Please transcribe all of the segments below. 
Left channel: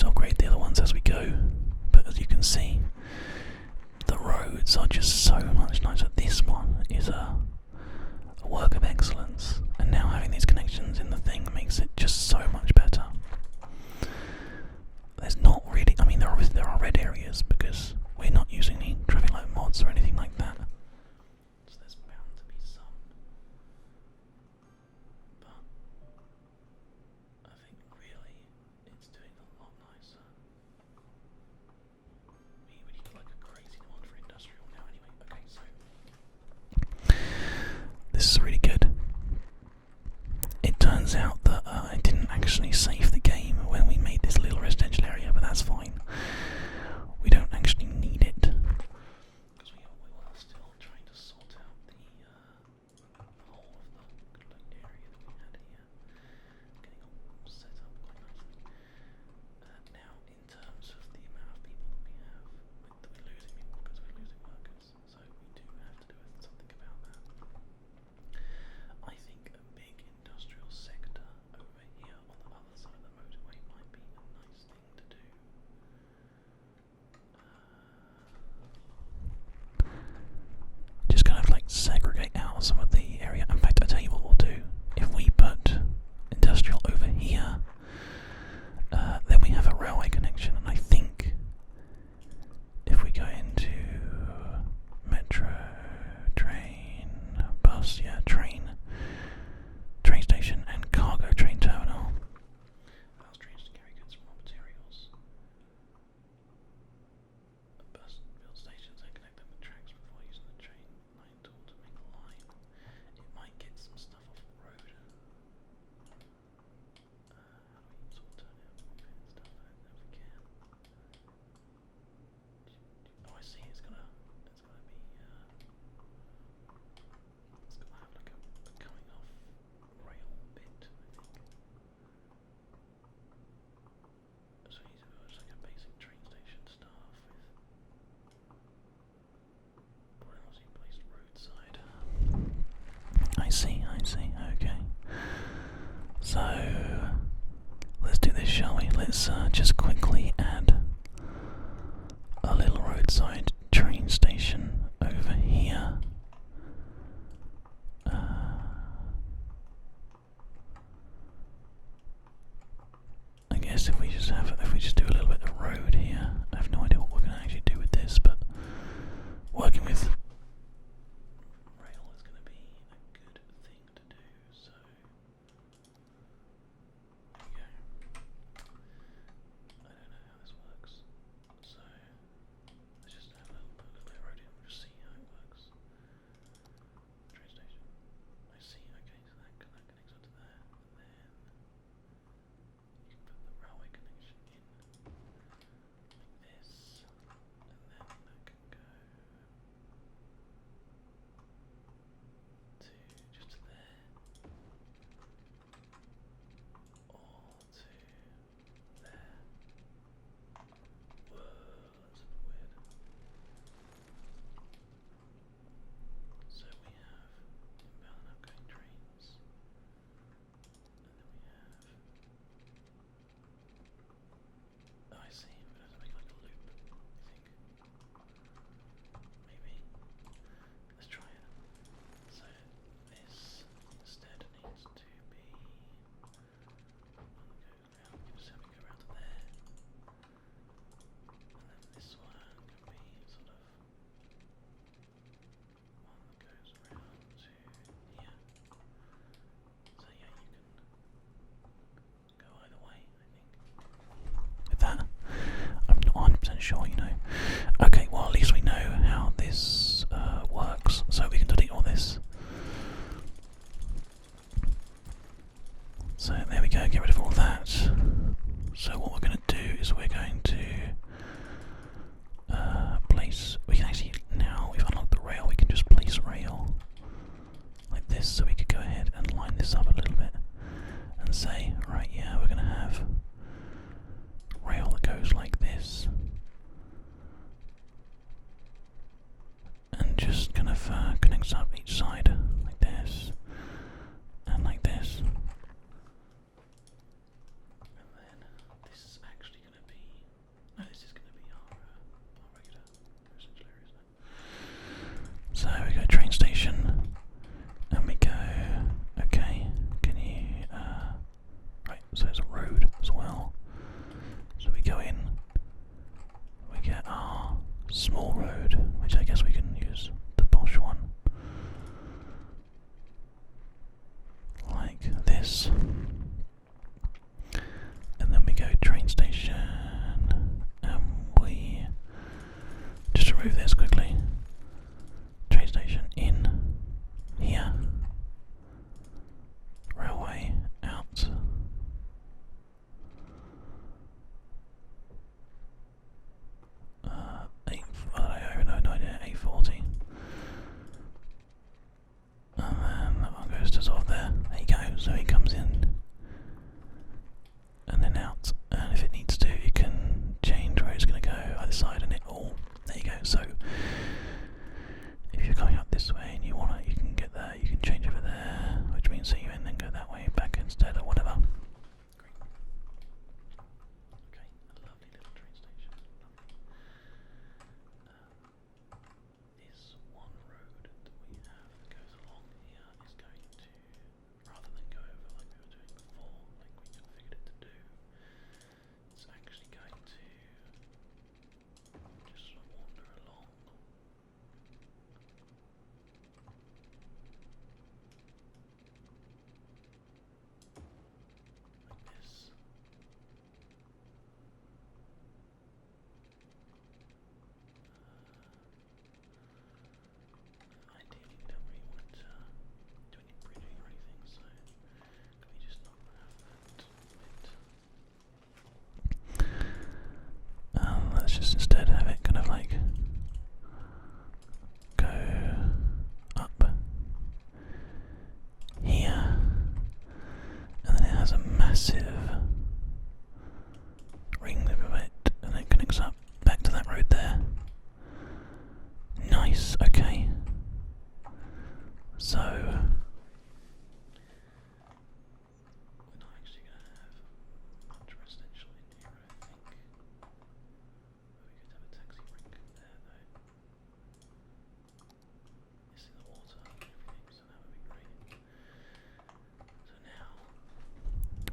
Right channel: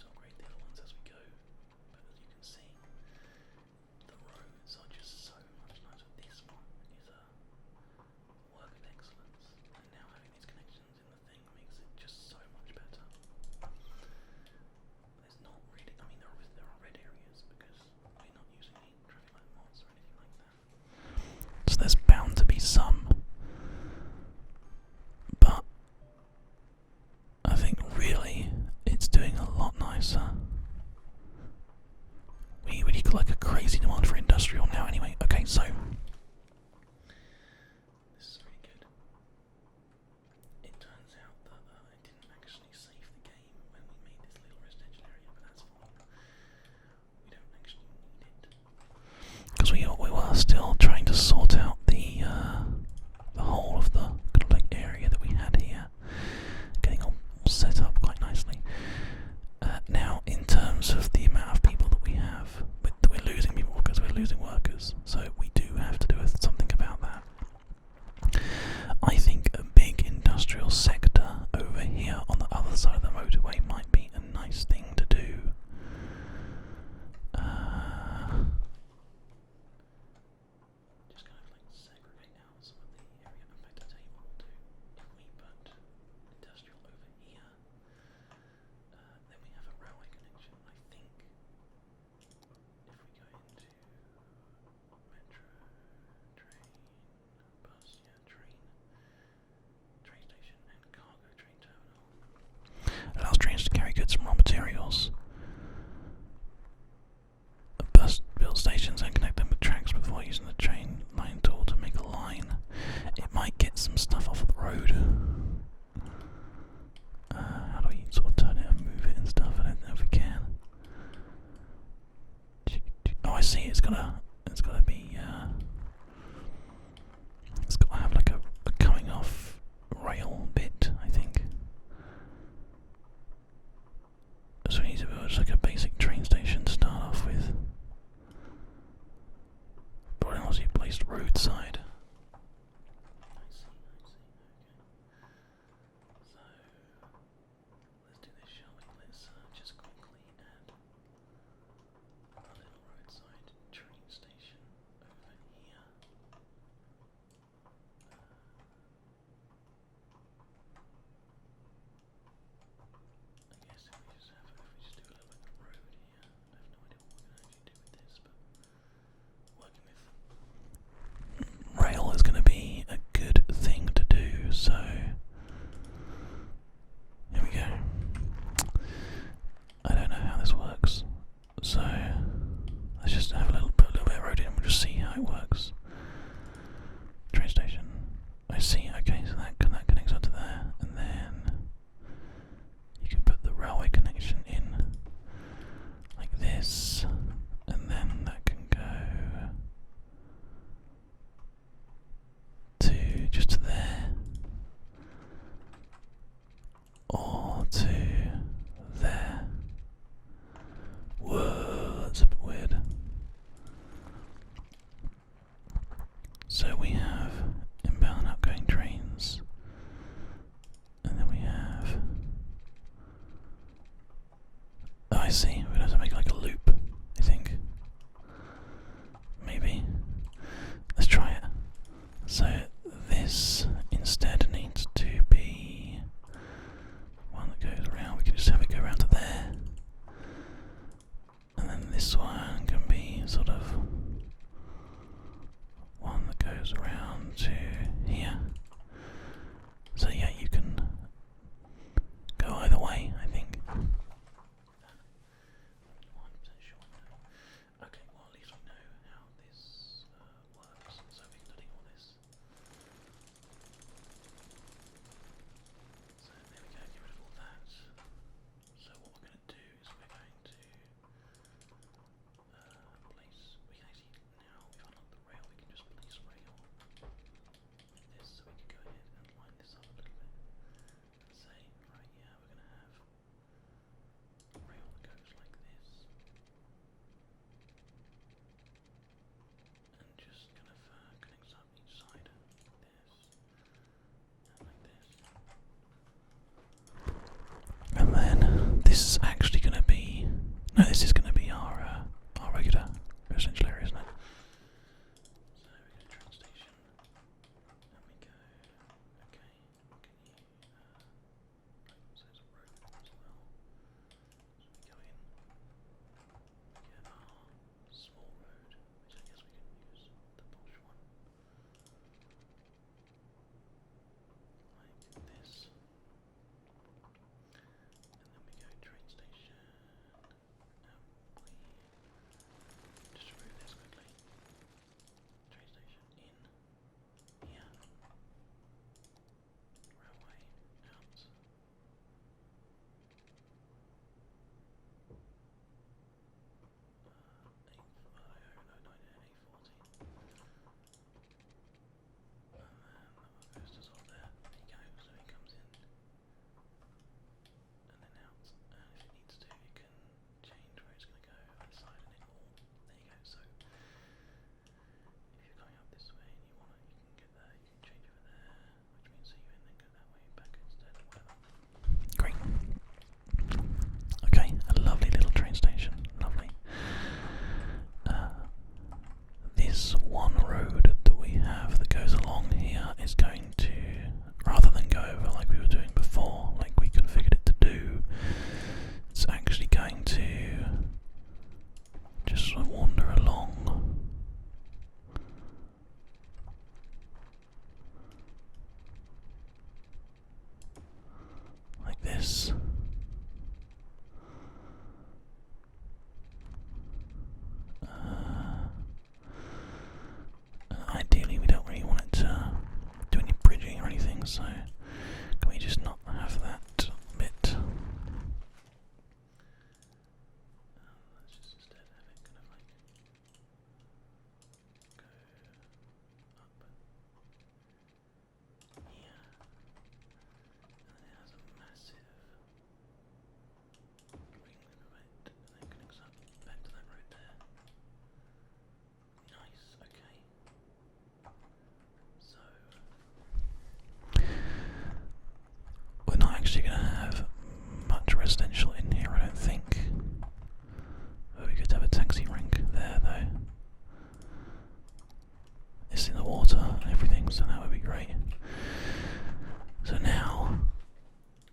always upgrade the other ones as we go, but as you can see, the roads are just so much nicer. This one is a work of excellence, and now having these connections in the thing makes it just so much better. There's not really, I mean there are red areas because we're not using any traffic light mods or anything like that, so there's bound to be some, but I think really it's doing a lot nicer. We really got like a crazy demand for industrial now anyway. Okay, so this is really good. It turns out that I didn't actually save the game when we made this little residential area, but that's fine. We don't actually need it because we were still trying to sort out the whole of the kind of like area that we had here, getting all set up quite nicely. Now, in terms of the amount of people that we have, we're losing people because we're losing workers, so we do have to do something about that. I think a big industrial sector over here on the other side of the motorway might be a nice thing to do. Just kind of like segregate out some of the area. In fact, I'll tell you what we'll do. If we put industrial over here, then we have a railway connection, and I think if we go into metro, train, bus, train station and cargo train terminal, allows trains to carry goods and raw materials. A bus builds stations and connect them with tracks before using the train line tool to make a line. It might get some stuff off of the road. How do we sort of turn it and move it and stuff? I don't know if we can. Oh, I see. It's gotta be. It's gotta have like a coming off rail bit, I think. So we need to build just like a basic train station to start off with. But unless you placed roadside. I see. Okay. So let's do this, shall we? Let's just quickly add a little roadside train station over here. I guess if we just do a little bit of road here, I have no idea what we're going to actually do with this, but working with rail is going to be a good thing to do. So here we go. I don't know how this works, so let's just have put a little bit of road in and we'll just see how it works. Train station. I see, okay, so that connects up to there, and then you can put the railway connection in like this, and then that can go to just to there, or to there. Whoa, that's a bit weird. So we have inbound and outgoing trains, and then we have. Oh, I see. We're going to have to make like a loop, I think. Maybe. Let's try it. So this instead needs to be one that goes around. We can just have it go around to there. And then this one can be sort of one that goes around to here. So yeah, you can go either way, I think, with that. I'm not 100% sure, you know. Okay, well at least we know how this works, so we can delete all this. So there we go, get rid of all that. So what we're going to do is we're going to place, we can actually, now we've unlocked the rail, we can just place rail like this, so we could go ahead and line this up a little bit and say, right, yeah, we're going to have rail that goes like this, and just kind of connects up each side like this and like this. And then this is actually going to be No, this is going to be our regular residential area, isn't it? So we go train station, and we go. Okay, can you? Right, so there's a road as well. So we go in. We get our small road, which I guess we can use the posh one, like this. And then we go train station, and we just remove this quickly. Train station in here. Railway out. I don't know, no idea. 840. And then that one goes to sort of there. There you go. So he comes in. And then out, and if it needs to, you can change where it's going to go either side, and it all. There you go. So if you're going up this way and you want it, you can get there. You can change over there, which means that you and then go that way back instead, or whatever. Great. Okay, a lovely little train station. Lovely. This one road that we have that goes along here is going to, rather than go over like we were doing before, like we configured it to do, it's actually going to just sort of wander along. Like this. Ideally we don't really want it to do any bridging or anything, so can we just not have that bit? Let's just instead have it kind of like go up here, and then it has a massive ring of it, and it connects up back to that road there. Nice, okay. So we're not actually going to have much residential in here, I don't think. But we could have a taxi rank there, though. It's in the water and everything, so that would be great. So now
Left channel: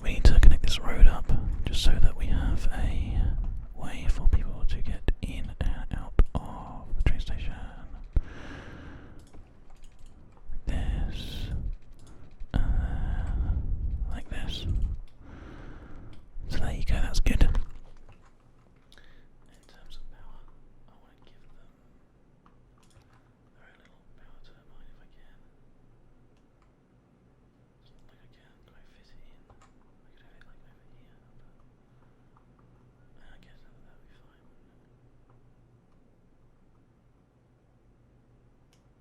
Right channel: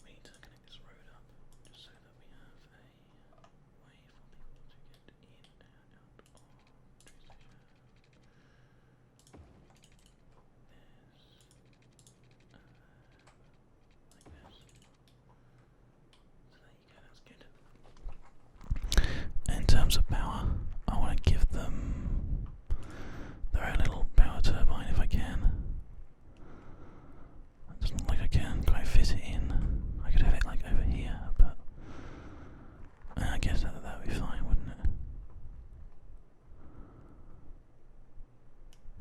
we need to connect this road up, just so that we have a way for people to get in and out of the train station. This, like this. So there you go, that's good. In terms of power, I want to give them their own little power turbine if I can. It doesn't look like I can quite fit it in. I could have it like over here, but I guess that would be fine, wouldn't it?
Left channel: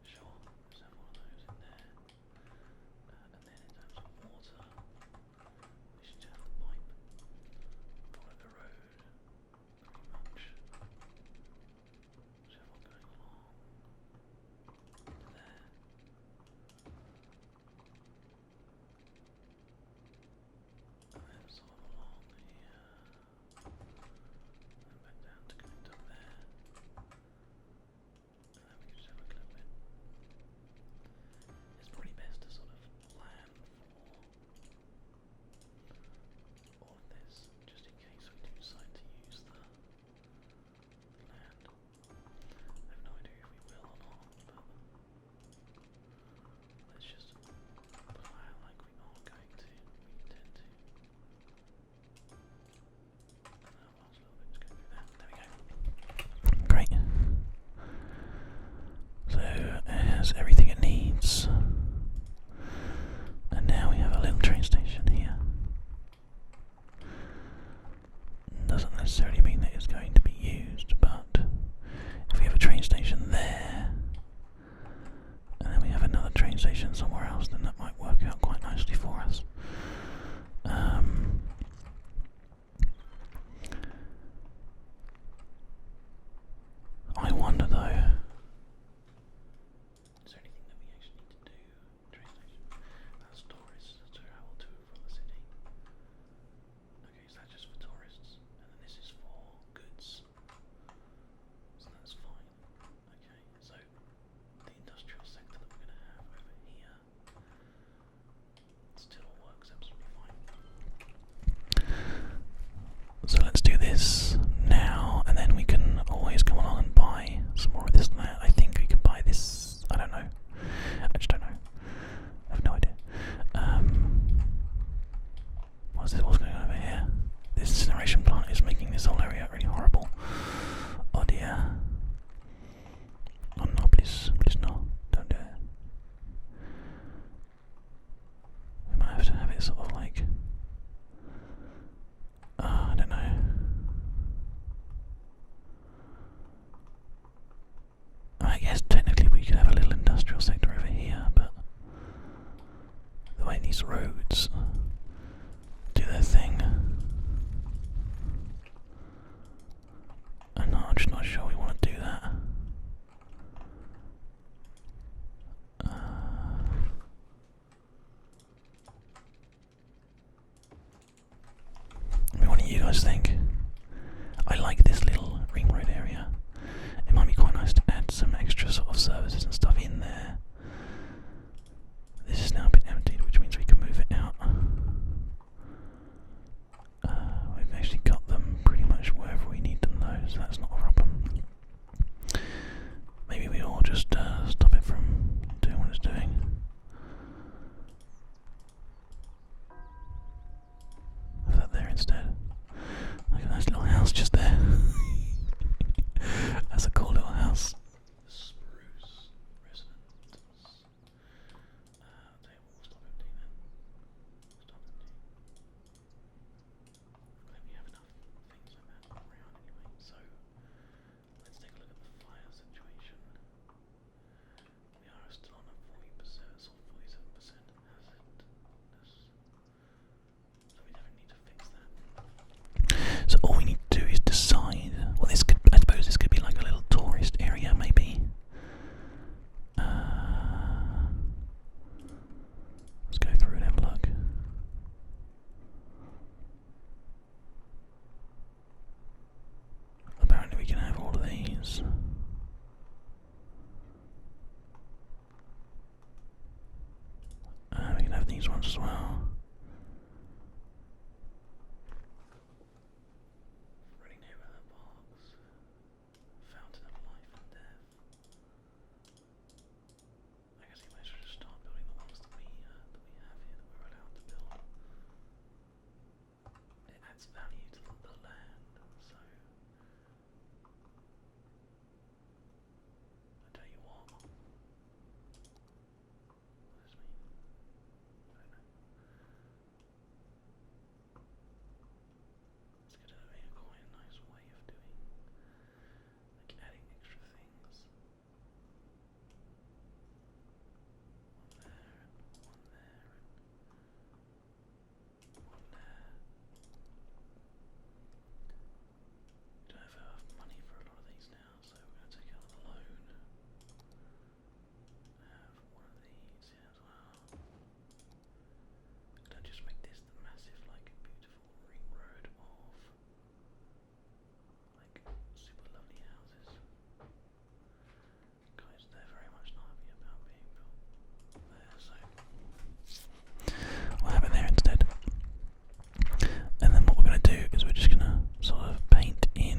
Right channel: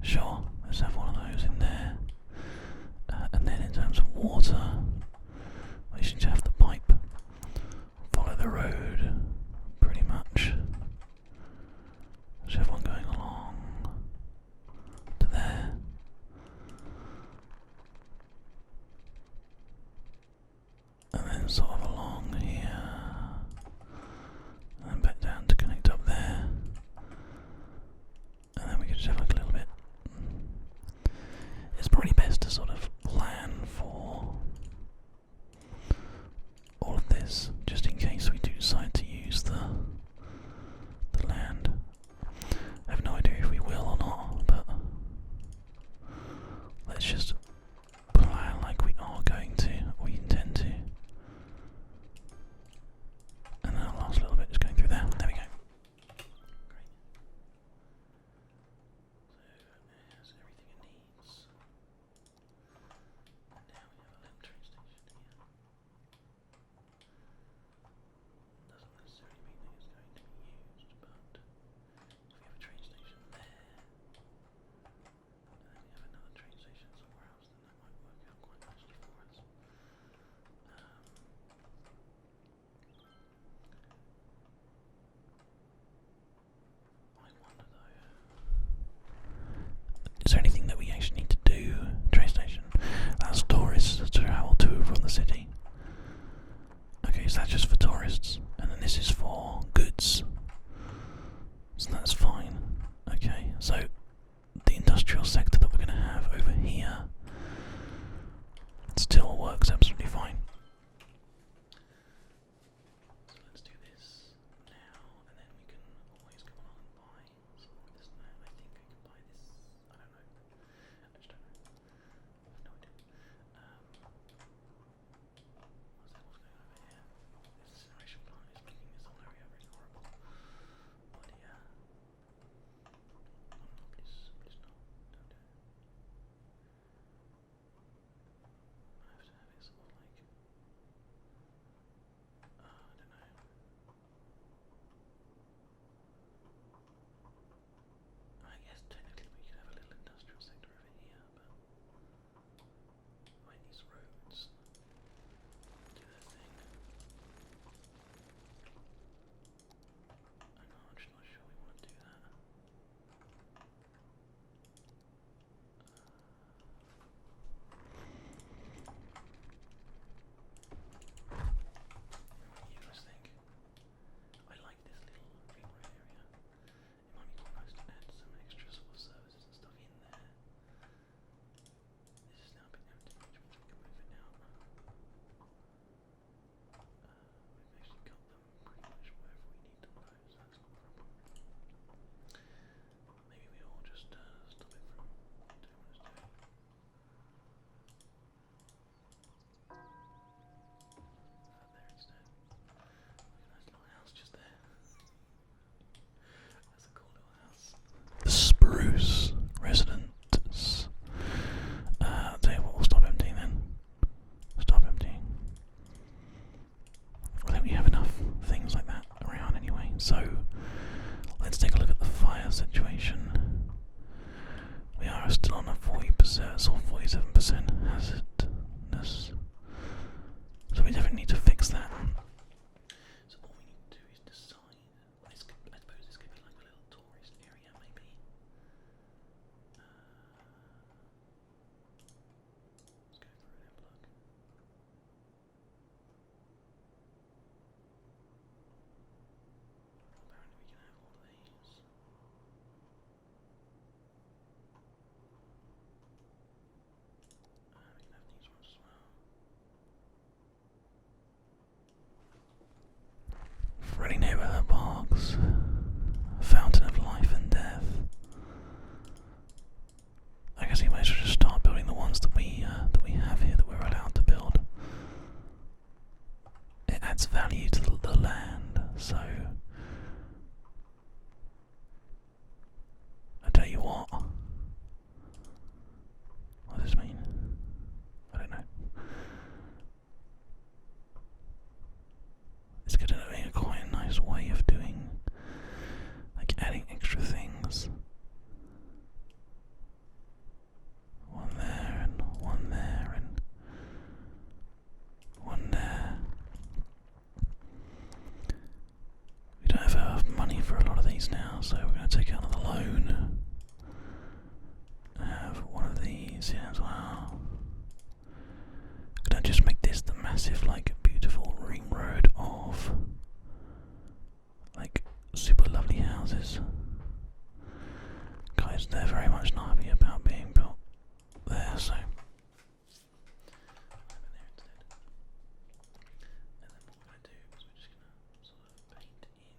Sure, let's have one of those in there. And then in terms of water, we should have the pipe follow the road, pretty much. Should have one going along to there. And then sort of along here. And then back down to connect up there. And then we could just have like a little bit. It's probably best to sort of plan for all of this, just in case we do decide to use the land. I have no idea if we will or not, but let's just plan like we are going to, or we intend to. And then the last little bit is going through there. There we go. Great. So it has everything it needs. And now we have a little train station here. Doesn't necessarily mean that it's going to be used, but if we have a train station there, and then we have another train station somewhere else, then that might work out quite nicely for us. I wonder though, is there anything that we actually need to do? Train station. That's tourists to travel to from the city. Okay, so that's just for tourists, and then this is for goods. as well. Friendly neighborhood parks. Fountain of life and death. I guess we might as well just start building the ones that we have here that we're allowed to build. It adds value to the land, so I tell you what. What does this mean? I don't know. It's going to be quite a nice way of doing, like adding extra things. One there and one there and one there. We don't have enough money for a lot of these now, so we're going to take out another loan. Have one of these here as well. Gonna just make this the massive, like, beautiful ring road of, like, super lovely houses. Guys, they're very much not happy about being built there, so we'll have it there instead. And then what we're going to do is we're just going to sort of paint in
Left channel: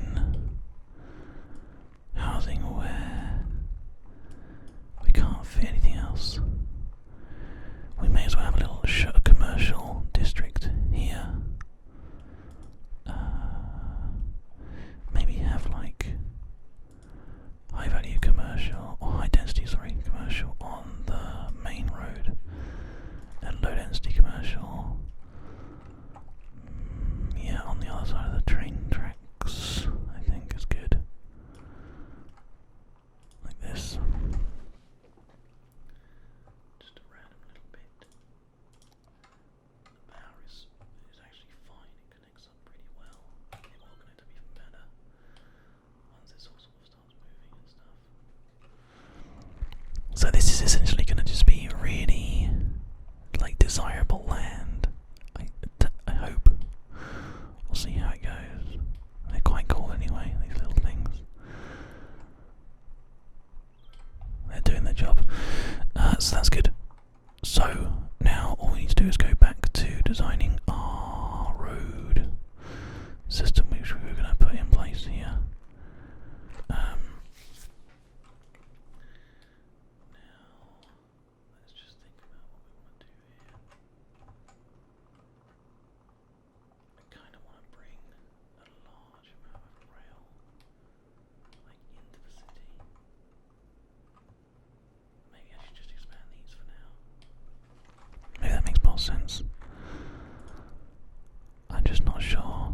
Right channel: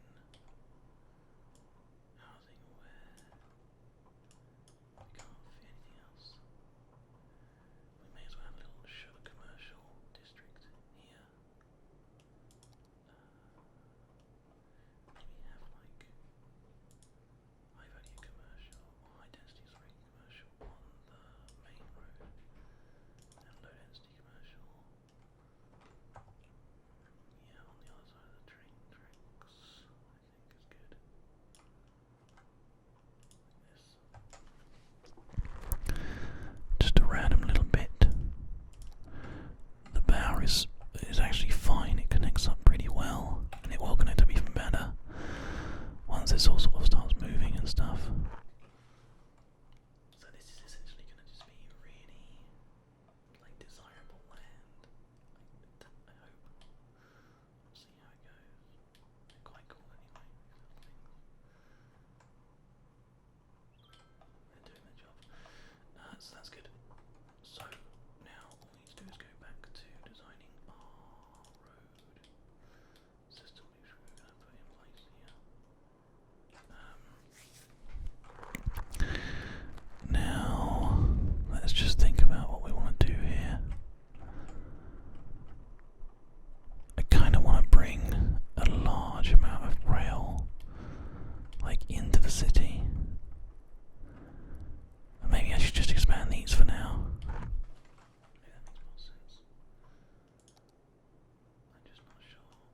housing where we can't fit anything else. We may as well have a little commercial district here. Maybe have like high value commercial, or high density, sorry, commercial on the main road, and low density commercial, yeah, on the other side of the train tracks, I think is good. Like this. Just a random little bit. The power is actually fine, it connects up pretty well, and it will connect up even better once this all sort of starts moving and stuff. So this is essentially going to just be really, like, desirable land. I hope. We'll see how it goes. They're quite cool anyway, these little things. They're doing their job. So that's good. So now all we need to do is go back to designing our road system, which we were going to put in place here. Now let's just think about what we want to do here. I kind of want to bring a large amount of rail, like, into the city. Maybe I should just expand these for now. Maybe that makes more sense. I'm just not sure.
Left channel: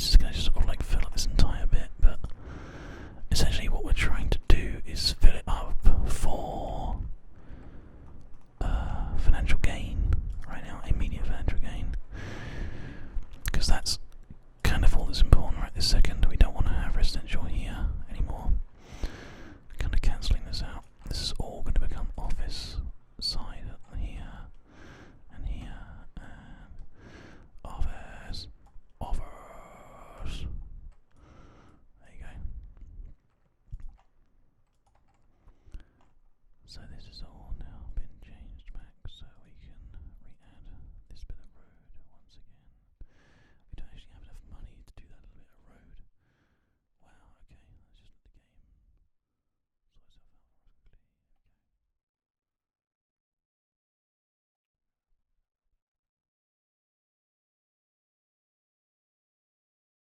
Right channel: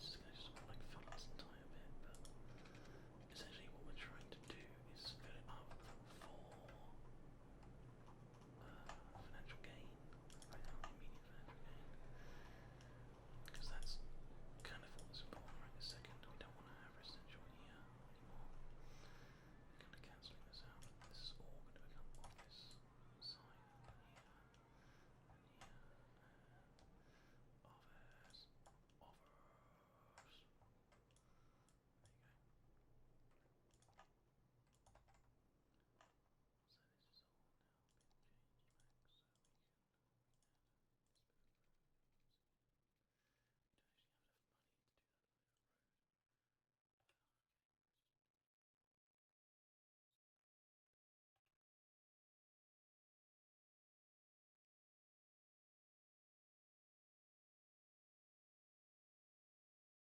Let's just go